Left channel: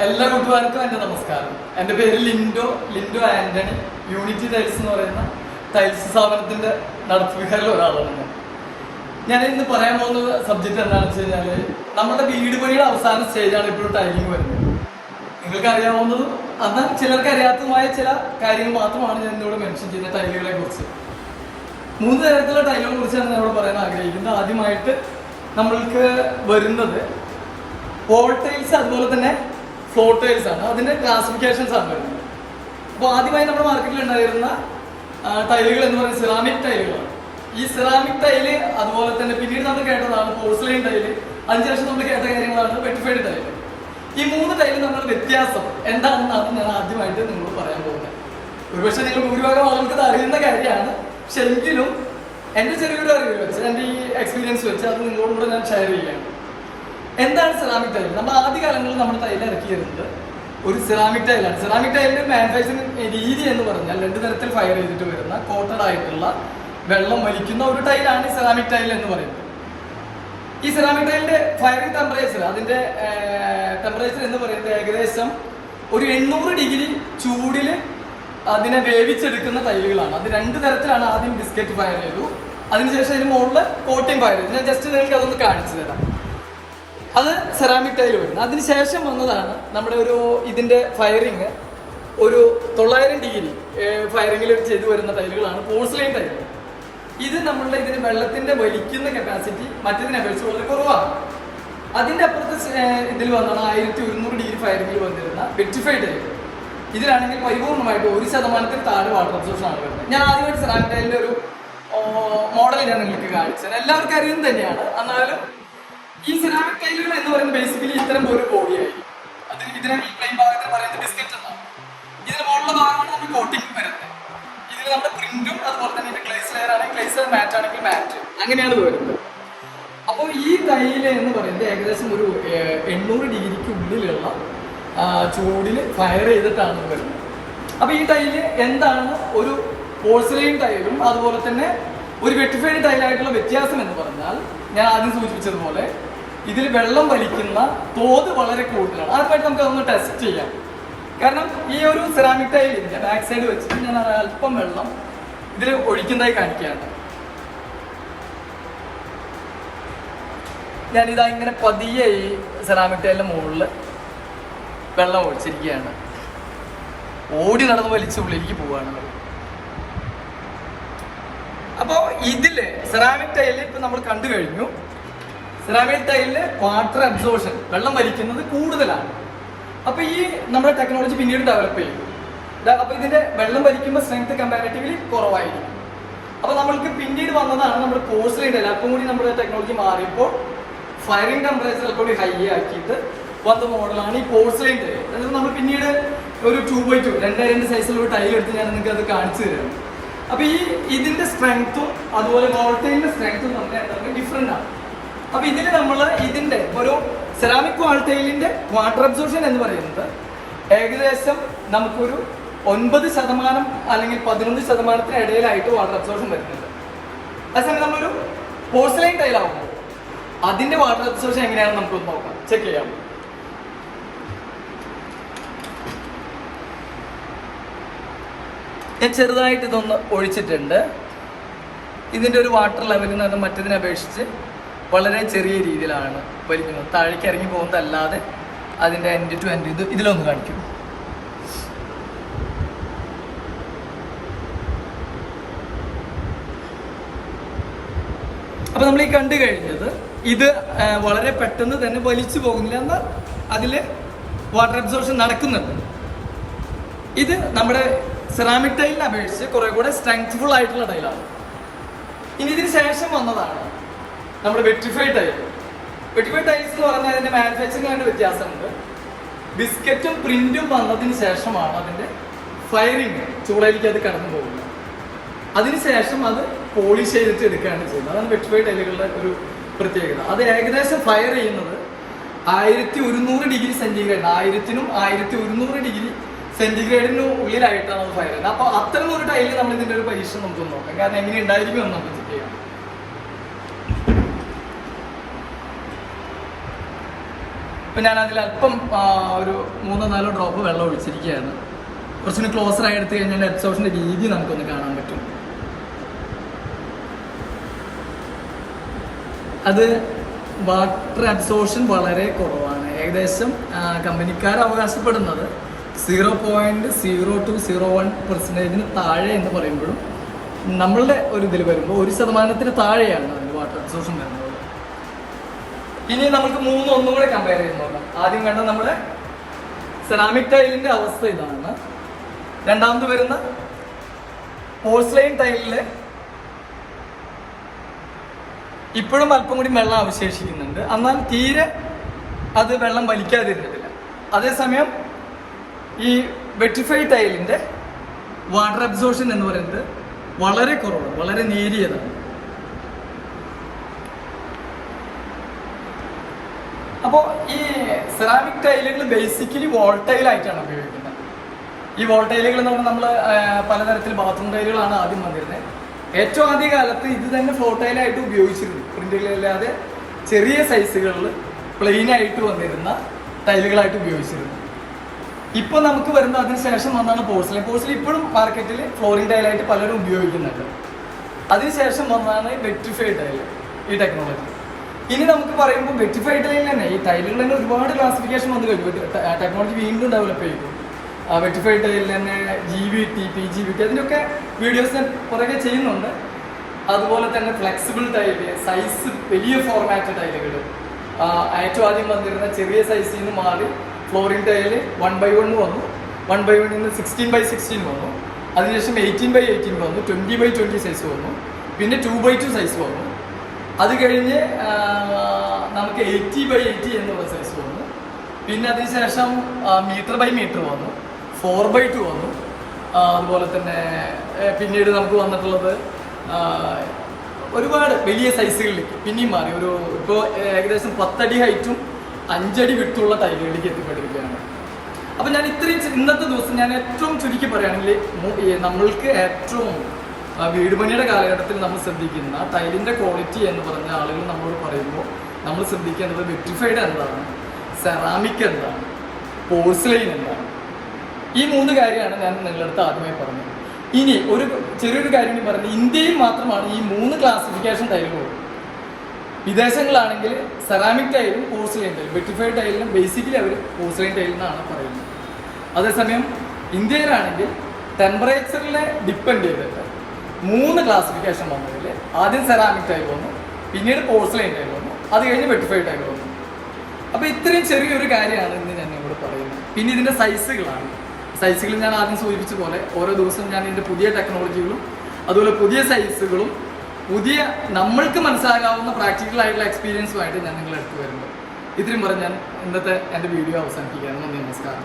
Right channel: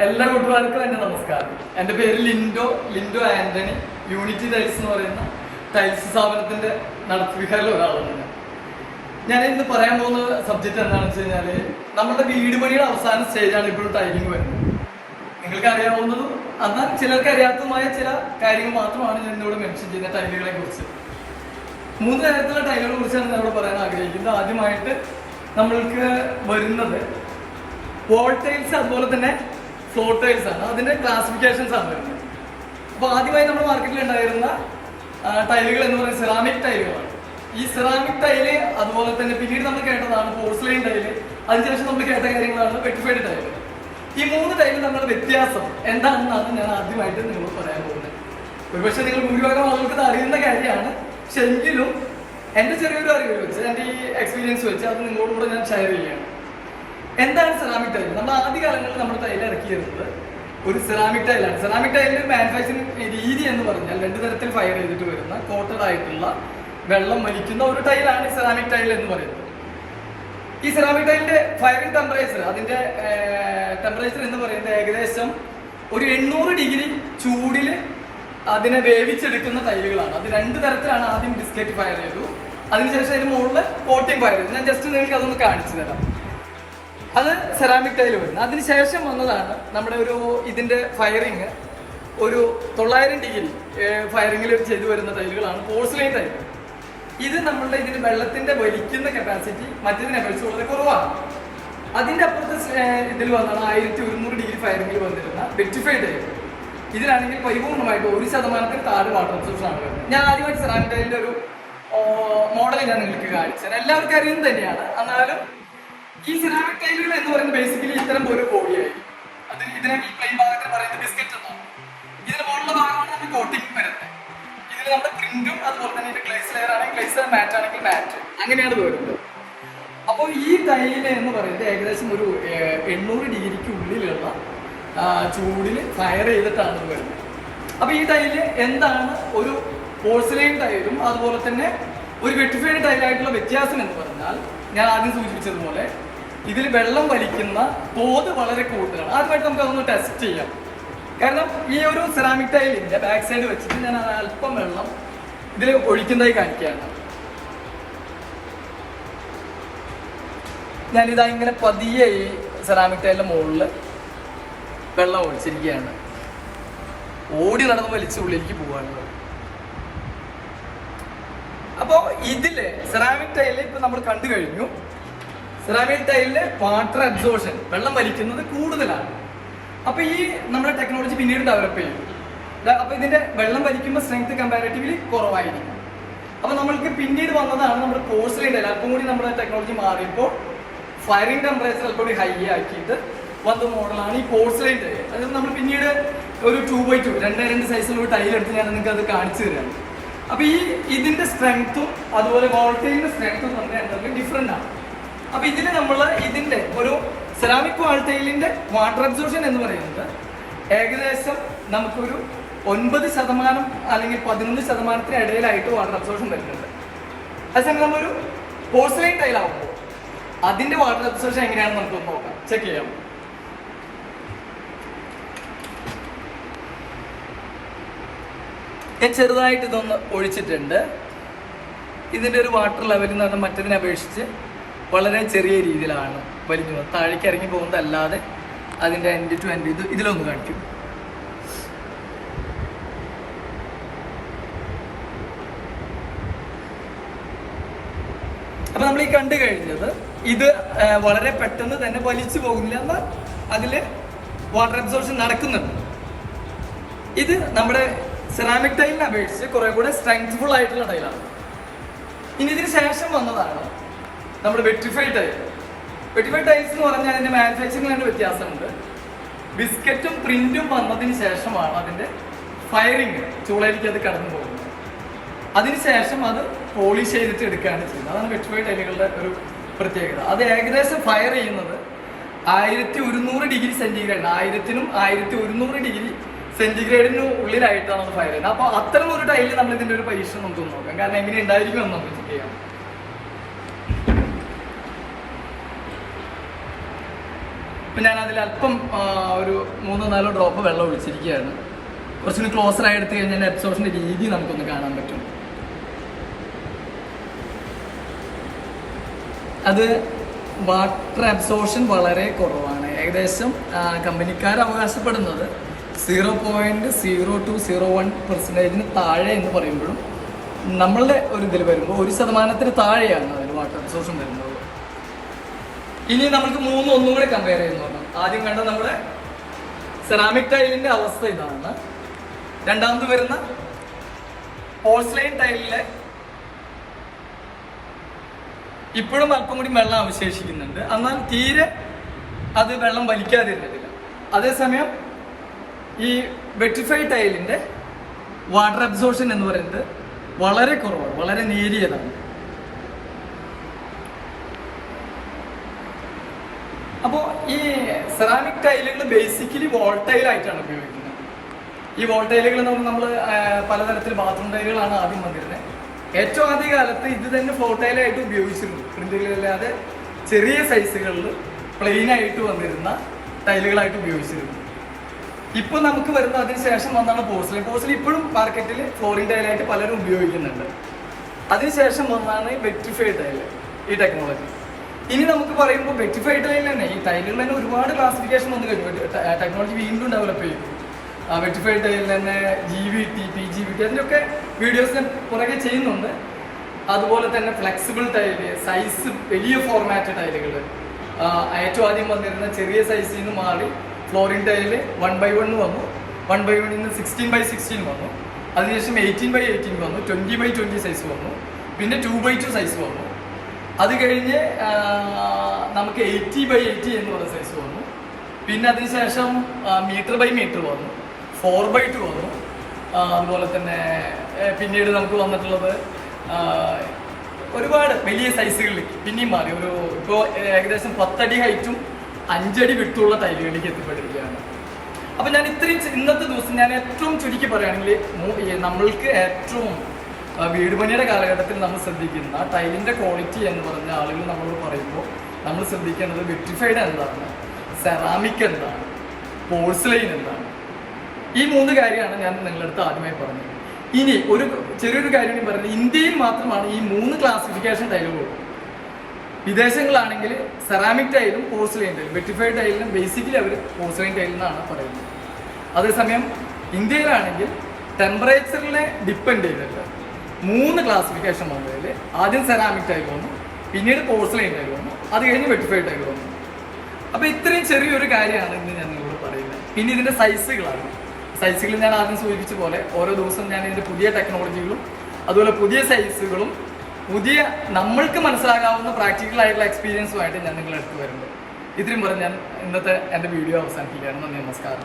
എല്ലാ കൂട്ടുകാർക്കും എൻ്റെ നമസ്കാരം. എൻ്റെ പേര് ലിൻഡോ ആന്റണി. യൂണിറ്റി ടൈൽസ് എന്ന് പറയുന്ന ടൈൽസ് സ്ഥാപനത്തിന്റെ നടത്തിപ്പിക്കാരിൽ ഒരാളാണ് ഞാൻ ഇന്ന് പറയാൻ പോകുന്ന സബ്ജക്റ്റ് എന്താണെന്ന് വെച്ച് കഴിഞ്ഞാൽ, നമ്മുടെ വീട് പണിയുടെ അവസാന സ്റ്റേജാണ് ഇപ്പോഴും ടൈലിംഗ് വരുന്നത്. നിങ്ങൾക്ക് അറിയാവുന്നതും എന്നാൽ ചിലർക്ക് അറിയാത്തതുമായ ചില കാര്യങ്ങൾ മാത്രമാണ് ഞാൻ ഇന്നിവിടെ മെൻഷൻ ചെയ്യുന്ന ടൈലുകളെ കുറിച്ച്. 3 തരത്തിലുള്ള ടൈലുകളെ കുറിച്ചാണ് ഞാൻ ഇവിടെ പറയാൻ ആഗ്രഹിക്കുന്നത്. ആദ്യമായിട്ട് നമ്മൾക്ക് വരുന്നത് വോൾ ടൈൽസ്, അതുപോലെ തന്നെ ഫ്ലോർ ടൈൽസ് ആണ്. അതിന്റെ ക്ലാസിഫിക്കേഷൻസ് ആണ് വരുന്നത്. അപ്പോൾ ആദ്യമായി നമ്മുടെ മാർക്കറ്റിൽ ഉണ്ടായിരുന്ന ടൈലുകൾ എന്ന് പറയുന്നത് സെറാമിക് ടൈലുകളാണ്. ഈ സെറാമിക് ടൈല്, അതുപോലെ തന്നെ പിന്നീട് നമ്മൾ കേട്ടതാണ് പോർസലൈൻ ടൈല്, അതിനുശേഷം നമ്മൾ കേട്ട കാര്യങ്ങളാണ് വെറ്റിഫൈഡ് ടൈല്. ഈ 3 ടൈലും തമ്മിലുള്ള വ്യത്യാസം എന്താണെന്നാണ് ഞാൻ ആദ്യമായിട്ട് നിങ്ങളോട് പറയാൻ പോകുന്നത്. ഒരുപക്ഷെ നിങ്ങൾ ഭൂരിഭാഗം ആളുകൾക്ക് ഇത് അറിയുന്ന കാര്യമാണ്. പക്ഷെ എങ്കിലും എൻ്റെ ചെറിയൊരു അറിവ് വെച്ച്, എൻ്റെ ഈ എക്സ്പീരിയൻസ് വെച്ച് അത് നിങ്ങളോട് കൂടെ ഞാൻ ഷെയർ ചെയ്യുകയാണ്. എന്താണ് സെറാമിക് ടൈൽ? നമ്മൾ ആദ്യകാലങ്ങളിൽ നമ്മുടെ ടൈൽ ഇറക്കിയിരുന്നത് ഒരു സെറാമിക് ടൈലാണ്. സെറാമിക് ടൈലിന്റെ മാനുഫാക്ചറിങ് രീതി എന്ന് പറഞ്ഞാൽ 2 തരത്തിൽ ഫയർ ചെയ്തിട്ട് വരുന്ന കോട്ടഡ് ആയിട്ടുള്ള വെള്ളം വലിക്കുന്ന ഒരു ടൈലാണ് സെറാമിക് ടൈൽ എന്ന് പറയുന്നത്. ഈ സെറാമിക് ടൈലിന്റെ ഫയറിംഗ് ടെമ്പറേച്ചർ, അതിന്റെ ടെമ്പറേച്ചർ എന്ന് പറയുന്നത് ഏകദേശം ഒരു 800 ഡിഗ്രി ചൂടിൽ അതിനെ വേവിച്ചെടുക്കുന്ന ടൈലുകളാണ്. അത് 2 തരത്തിലാണ്. ആദ്യം ബിസ്ക്കറ്റ് ഫയർ ചെയ്തു, അതിനുശേഷം അതിന് മുകളിൽ കോട്ടിംഗ് ഫയർ ചെയ്തു. ഞാൻ ജസ്റ്റ് നിങ്ങൾക്ക് അതൊന്ന് കാണിച്ചു തരാം. അത് സെറാമിക് ടൈൽ വരുന്നത്. അതിനുശേഷം വന്നതാണ് നമ്മുടെ ഇതിന്റെ ഫയറിങ് ഒരു 900 ഡിഗ്രി ഫയറിങ്ങിൽ ചെയ്തു വരുന്ന ടൈലുകളാണ് പോർസലൈൻ ടൈൽ. ഇത് നമ്മളുടെ ഇതിന് വെള്ളത്തിന്റെ വലിക്കുന്ന കപ്പാസിറ്റി മറ്റേതിനെ അപേക്ഷിച്ച് വളരെ കുറവാണ്. അതിന്റെ അപ്പുറത്തെ ഇതിൽ വന്നാണ് 1100 ഡിഗ്രി ഫയറിങ്ങിൽ വന്നിരുന്ന വെറ്റിഫൈഡ് ടൈൽ. ഇതിലാണെങ്കിൽ പരിപൂർണമായിട്ട് 1% താഴെ വാട്ടർ അബ്സോർപ്ഷൻ ആണ് വരുന്നത്. ഞാൻ ആദ്യമായിട്ട് സെറാമിക് ടൈലിന്റെ ഒരു മോഡൽ ഞാൻ നിങ്ങൾക്ക് കാണിച്ചത് എല്ലാവർക്കും അറിയുന്നത് തന്നെയാണ്. എന്നാലും ഈ സെറാമിക് ടൈലുകൾ എന്ന് പറയുന്നത് ബേസിക്കലി ഇത്തരം ഒരു ബോഡിയായിരിക്കും. അത് ഇതിനെ ഈ പ്ലെയിൻ ഭാഗത്തിന് പറയുന്നത് ബിസ്ക്കറ്റ് എന്നാണ്. ഇതിന് മുകളിലുള്ള ഭാഗമാണ് നമ്മൾ കോട്ടിംഗ് വരുന്നത്. ഇതിൽ നമ്മുടെ പ്രിന്റും അതുപോലെ തന്നെ ഗ്ലേസ് ലെയർ ആണെങ്കിൽ ഗ്ലേസ്, മാറ്റ് ആണെങ്കിൽ മാറ്റ്, അങ്ങനെയാണ് ഇത് വരുന്നത്. അപ്പോൾ ഈ ടൈല് എന്ന് പറയുന്നത് ഏകദേശം ഒരു 800 ഡിഗ്രിക്ക് ഉള്ളിലുള്ള ചൂടിൽ ഫയർ ചെയ്തിട്ടാണ് വരുന്നത്. അപ്പോൾ ഈ ടൈല് എന്താണ് ഒരു പോർസലൈൻ ടൈലും അതുപോലെ തന്നെ ഒരു വെറ്റിഫൈഡ് ടൈലായിട്ടുള്ള വ്യത്യാസം എന്ന് പറഞ്ഞാൽ, ഞാൻ ആദ്യം സൂചിപ്പിച്ചതുപോലെ ഇതിൽ വെള്ളം വലിക്കുന്ന തോത് വളരെ കൂടുതലാണ്. ആദ്യമായിട്ട് നമുക്ക് അതൊന്ന് ടെസ്റ്റ് ചെയ്യാം. കാരണം ഈ ഒരു സെറാമിക് ടൈലിന്റെ ബാക്ക് സൈഡ് വെച്ചിട്ട് ഞാൻ അല്പം വെള്ളം ഇതിൽ ഒഴിക്കുന്നതായി കാണിക്കുകയാണ്. ഞാനിതാ ഇങ്ങനെ പതിയെ ഈ സെറാമിക് ടൈലിന്റെ മുകളിൽ വെള്ളം ഒഴിച്ചിരിക്കുകയാണ്. ഓടി നടന്ന് വലിച്ച് ഉള്ളിലേക്ക് പോവുകയാണ്. അപ്പോൾ ഇതില് സെറാമിക് ടൈല് ഇപ്പൊ നമ്മൾ കണ്ടു കഴിഞ്ഞു. സെറാമിക് ടൈലില് വാട്ടർ അബ്സോർപ്ഷൻ, വെള്ളം വലിക്കുന്നത് കൂടുതലാണ്. അപ്പൊ ഈ നമ്മുടെ ടെക്നോളജി പിന്നീട് ഡെവലപ്പ് ചെയ്യും. അപ്പൊ ഇതിന്റെ വെള്ളം വലിക്കുമ്പോൾ സ്ട്രെങ്ത് കമ്പാരിറ്റീവ്ലി കുറവായിരിക്കും. അപ്പൊ നമ്മൾക്ക് പിന്നീട് വന്നതാണ് നമ്മുടെ പോർസലൈൻ ടൈൽ. അപ്പം കൂടി നമ്മുടെ ടെക്നോളജി മാറിയപ്പോൾ ഫയറിംഗ് ടെമ്പറേച്ചർ അല്പം കൂടി ഹൈ ആക്കിയിട്ട് വന്ന മോഡലാണ് ഈ പോർസലൈൻ ടൈൽ. അതായത് നമ്മൾ പിന്നീട് ഒരു 2x2 2 സൈസിലുള്ള ടൈൽ എടുത്ത് ഞാൻ നിങ്ങൾക്ക് അത് കാണിച്ചു തരാം. അപ്പൊ ഇതിന്റെ സ്ട്രെങ്ത്തും അതുപോലെ വാൾട്ടൈലിന്റെ സ്ട്രെങ്ത്തും തമ്മിൽ ഡിഫറെന്റ് ആണ്. അപ്പൊ ഇതിന് നമ്മൾ ഇതിന്റെ ഒരു സെറാമിക് വാൾട്ടൈലിന്റെ വാട്ടർ അബ്സോർപ്ഷൻ എന്ന് പറയുന്നത് ഏകദേശം നമുക്കൊരു 9% അല്ലെങ്കിൽ 11% ഇടയിലായിട്ട് വാട്ടർ അബ്സോർപ്ഷൻ വരുന്നുണ്ട്. അതേസമയം നമ്മളൊരു പോർസലൈൻ ടൈലാവുമ്പോൾ അതിന്റെ വാട്ടർ അബ്സോർപ്ഷൻ എങ്ങനെയാണെന്ന് നമുക്കൊന്ന് നോക്കാം, ചെക്ക് ചെയ്യാം. ഞാൻ ചെറുതായിട്ട് ഇതൊന്ന് ഒഴിച്ചിട്ടുണ്ട്. ഇതിൻ്റെ ഒരു വാട്ടർ ലെവൽ എന്ന് പറഞ്ഞാൽ മറ്റതിനെ അപേക്ഷിച്ച് വളരെ ചെറിയ രീതിയിലാണ് വലിക്കുന്നത്. താഴേക്ക് ഇറങ്ങി പോകുന്നതല്ലാതെ അതിൻ്റെ എൻഡ് ടു എൻഡ് ഇതിലൊന്ന് കാണിക്കും. അപ്പൊ നമ്മൾ ഈ കണ്ടു കഴിഞ്ഞത് ഇത് വളരെ പെട്ടെന്ന് തന്നെ വലിച്ചു പോകുന്നില്ല, എന്നാൽ അതിൽ വാട്ടർ അബ്സോർപ്ഷൻ നടക്കുന്നുണ്ട്. ഇത് നമ്മുടെ സെറാമിക് ടൈലിനെ അപേക്ഷിച്ച് കുറെ കൂടെ സ്ട്രെങ്ത്ഫുൾ ആയിട്ടുള്ള ടൈലാണ്. ഇനി ഇതിന് ശേഷം വന്നതാണ് നമ്മുടെ വെറ്റിഫൈഡ് ടൈൽ. വെറ്റിഫൈഡ് ടൈൽസ് എന്ന് പറഞ്ഞാൽ അതിന്റെ മാനുഫാക്ചറിംഗ് വ്യത്യാസമുണ്ട്. ബിസ്ക്കറ്റും പ്രിന്റും വന്നതിന് ശേഷമാണ് അതിന്റെ ഫയറിങ് ചൂളയിലേക്ക് അത് കടന്നു പോകുന്നത്. അതിനുശേഷം അത് പോളിഷ് ചെയ്തിട്ട് എടുക്കുകയാണ് ചെയ്യുന്നത്. അതാണ് വെറ്റിഫൈഡ് ടൈലുകളുടെ ഒരു പ്രത്യേകത. അത് ഏകദേശം ഫയർ ചെയ്യുന്നത് 1100 ഡിഗ്രി സെന്റിഗ്രേഡ്, 1000-നും 1100 ഡിഗ്രി സെന്റിഗ്രേഡിന് ഉള്ളിലായിട്ടാണ് അത് ഫയർ ചെയ്യുന്നത്. അപ്പൊ അത്തരം ഒരു ടൈലിൽ നമ്മൾ ഇതിന്റെ ഒരു പരീക്ഷണം നമുക്ക് നോക്കാം. കാരണം എങ്ങനെ ഉണ്ടായിരിക്കും എന്ന് നമുക്ക് ചെക്ക് ചെയ്യാം. ഇപ്പം ഞാൻ അതിൽ അല്പം ഒരു 3-4 ഡ്രോപ്പ് വെള്ളം ഒഴിച്ചിരിക്കുകയാണ്. കുറച്ചുകൂടി ക്ലോസറായി എടുത്തു കഴിഞ്ഞാൽ അബ്സോർപ്ഷൻ്റെ രീതി നമുക്കൊന്ന് കാണാൻ പറ്റും. അത് വാട്ടർ അബ്സോർപ്ഷൻ വളരെ കുറവാണ്. ഏകദേശം കമ്പനിക്കാർ അവകാശപ്പെടുന്നത് 0.0201% താഴെ എന്ന് പറയുമ്പോഴും നമ്മളുടെ ഒരു ഇതിൽ വരുമ്പോൾ 1% താഴെയാണ് അതിന് വാട്ടർ അബ്സോർപ്ഷൻ വരുന്നത്. ഇനി നമുക്ക് ഒന്നും കൂടെ കമ്പയർ ചെയ്യുന്നു. ആദ്യം കണ്ട നമ്മുടെ സെറാമിക് ടൈലിന്റെ അവസ്ഥ ഇതാണ്. രണ്ടാമത് വരുന്ന പോഴ്സലൈൻ ടൈലില് ഇപ്പോഴും അല്പം കൂടി വെള്ളം അവശേഷിക്കുന്നുണ്ട്. എന്നാൽ തീരെ അത് വെള്ളം വലിക്കാതിരുന്നിട്ടില്ല. അതേസമയം ഈ വെട്രിഫൈഡ് ടൈലിന്റെ വാട്ടർ അബ്സോർപ്ഷൻ എന്ന് പറയുന്നത് വളരെ കുറവാണ്, വളരെ നേരിയതാണ്. അപ്പോൾ ഈ സെറാമിക് ടൈലുകൾ ബേസിക്കലി വോൾട്ടൈൽ ആയിട്ടാണ് ഉപയോഗിക്കുന്നത്. ഈ വോൾട്ടൈലുകൾ നമ്മൾ പലതരത്തിൽ ബാത്റൂം ടൈലുകളാണ് ആദ്യം വന്നിരുന്നത്. ഏറ്റവും ആദ്യ കാലത്ത് ഇത് തന്നെ ഫ്ലോട്ടൈലായിട്ട് ഉപയോഗിച്ചിരുന്നു. പ്രിന്റുകളില്ലാതെ ചെറിയ സൈസുകളിൽ പ്ലെയിൻ ആയിട്ട് വന്നിരുന്ന ടൈലുകളായിട്ട് ഉപയോഗിച്ചിരുന്നു. ഇപ്പോൾ നമുക്ക് വരുന്ന അതിന് ശേഷം വന്നാണ് പോഴ്സലൈൻ. പോഴ്സലൈൻ ഇപ്പോഴും മാർക്കറ്റിൽ ഫ്ലോറിംഗ് ടൈലായിട്ട് പലരും ഉപയോഗിക്കുന്നുണ്ട്. അതിനുശേഷം വന്നാണ് വെട്രിഫൈഡ് ടൈല്, ഈ ടെക്നോളജി. ഇനി നമുക്ക് പറയുമ്പോൾ വെട്രിഫൈഡ് ടൈലിൽ തന്നെ ഈ ടൈലുകൾ തന്നെ ഒരുപാട് ക്ലാസിഫിക്കേഷൻ വന്നു കഴിഞ്ഞു. ടെക്നോളജി വീണ്ടും ഡെവലപ്പ് ചെയ്യും. വെട്രിഫൈഡ് ടൈലിൽ തന്നെ GVT, PGVT അതിൻ്റെയൊക്കെ വീഡിയോസ് ഞാൻ പുറകെ ചെയ്യുന്നുണ്ട്. അതുപോലെ തന്നെ ഫ്ലെക്സിബിൾ ടൈല്, സൈസ് വലിയ ഫോർമാറ്റ് ടൈലുകൾ, ഏറ്റവും ആദ്യം വന്നിരുന്ന ചെറിയ സൈസിൽ നിന്ന് മാറി ഫ്ലോറിംഗ് ടൈല് 1x1 വന്നു. 1x1 നിന്ന് 16x16 വന്നു. അതിനുശേഷം 18x18 വന്നു. 20x20 സൈസ് വന്നു. പിന്നെ 2x2 സൈസ് വന്നു. അത് കഴിഞ്ഞ് നമുക്ക് 80x80 എന്നുള്ള സൈസ് വന്നു. പിന്നെ അതിനുശേഷം മീറ്റർ വന്നു. 4x2 വന്നു. അതുപോലെ തന്നെ പിന്നീട് നമുക്ക് വന്നിട്ടുള്ളത് ഒരുപാട് വലിയ സൈസുകളിലേക്ക് പിന്നെയും മാറി. ഇപ്പോൾ ഏകദേശം 10 അടി ഹൈറ്റും 5 അടി വിട്ടുള്ള ടൈലുകളിലേക്ക് എത്തിപ്പെട്ടിരിക്കുകയാണ്. അപ്പം ഞാൻ ഇന്നത്തെ ദിവസം ഞാൻ ഏറ്റവും ചുരുക്കി പറയുകയാണെങ്കിൽ നമ്മൾക്ക് ഏറ്റവും വീട് പണിയുടെ കാലഘട്ടത്തിൽ നമ്മൾ ശ്രദ്ധിക്കുന്ന ടൈലിൻ്റെ ക്വാളിറ്റി എന്ന് പറഞ്ഞ ആളുകൾ നമ്മളോട് പറയുമ്പോൾ നമ്മൾ ശ്രദ്ധിക്കേണ്ടത് വെട്രിഫൈഡ് എന്താണ്, സെറാമിക് എന്താണ്, പോഴ്സലൈൻ എന്താണ്. ഈ 3 കാര്യമാണ് ഞാൻ നിങ്ങളുടെ അടുത്ത് ആദ്യമായി പറഞ്ഞത്. ഇനി ചെറിയൊരു കാര്യം കൂടി പറയുന്നത്, ഇന്ത്യയിൽ മാത്രമാണ് ഈ 3 classification ടൈലുകളും. വിദേശങ്ങളിലാണെങ്കിൽ ceramic ടൈലും porcelain ടൈലും. Vitrified ടൈലിനും basically അവർ പോഴ്സലൈൻ ടൈൽ എന്നാണ് പറയുന്നത്. അതേസമയം ഇന്ത്യയിലാണെങ്കിൽ ടെമ്പറേച്ചറിനെ ഡിപ്പെൻഡ് ചെയ്തിട്ട് 3 ക്ലാസിഫിക്കേഷൻ വന്നതിൽ ആദ്യം സെറാമിക് ടൈൽ വന്നു, പിന്നീട് പോഴ്സലൈൻ ടൈൽ വന്നു, അത് കഴിഞ്ഞ് വെട്രിഫൈഡ് ടൈൽ വന്നു. അപ്പോൾ ഇത്രയും ചെറിയൊരു കാര്യമാണ് ഇന്ന് ഞാൻ നിങ്ങളോട് പറയുന്നത്. പിന്നെ ഇതിൻ്റെ സൈസുകൾ ഞാൻ ആദ്യം സൂചിപ്പിച്ച പോലെ ഓരോ ദിവസവും ഞാൻ ഇതിൻ്റെ പുതിയ ടെക്നോളജികളും അതുപോലെ പുതിയ സൈസുകളും പുതിയ നമ്മൾക്ക് മനസ്സിലാകാവുന്ന പ്രാക്ടിക്കൽ ആയിട്ടുള്ള എക്സ്പീരിയൻസുമായിട്ട് ഞാൻ നിങ്ങളെ അടുത്ത് വരുമ്പോൾ ഇത്രയും പറഞ്ഞ് ഞാൻ ഇന്നത്തെ എൻ്റെ വീഡിയോ അവസാനിപ്പിക്കുകയാണ്. നന്ദി, നമസ്കാരം.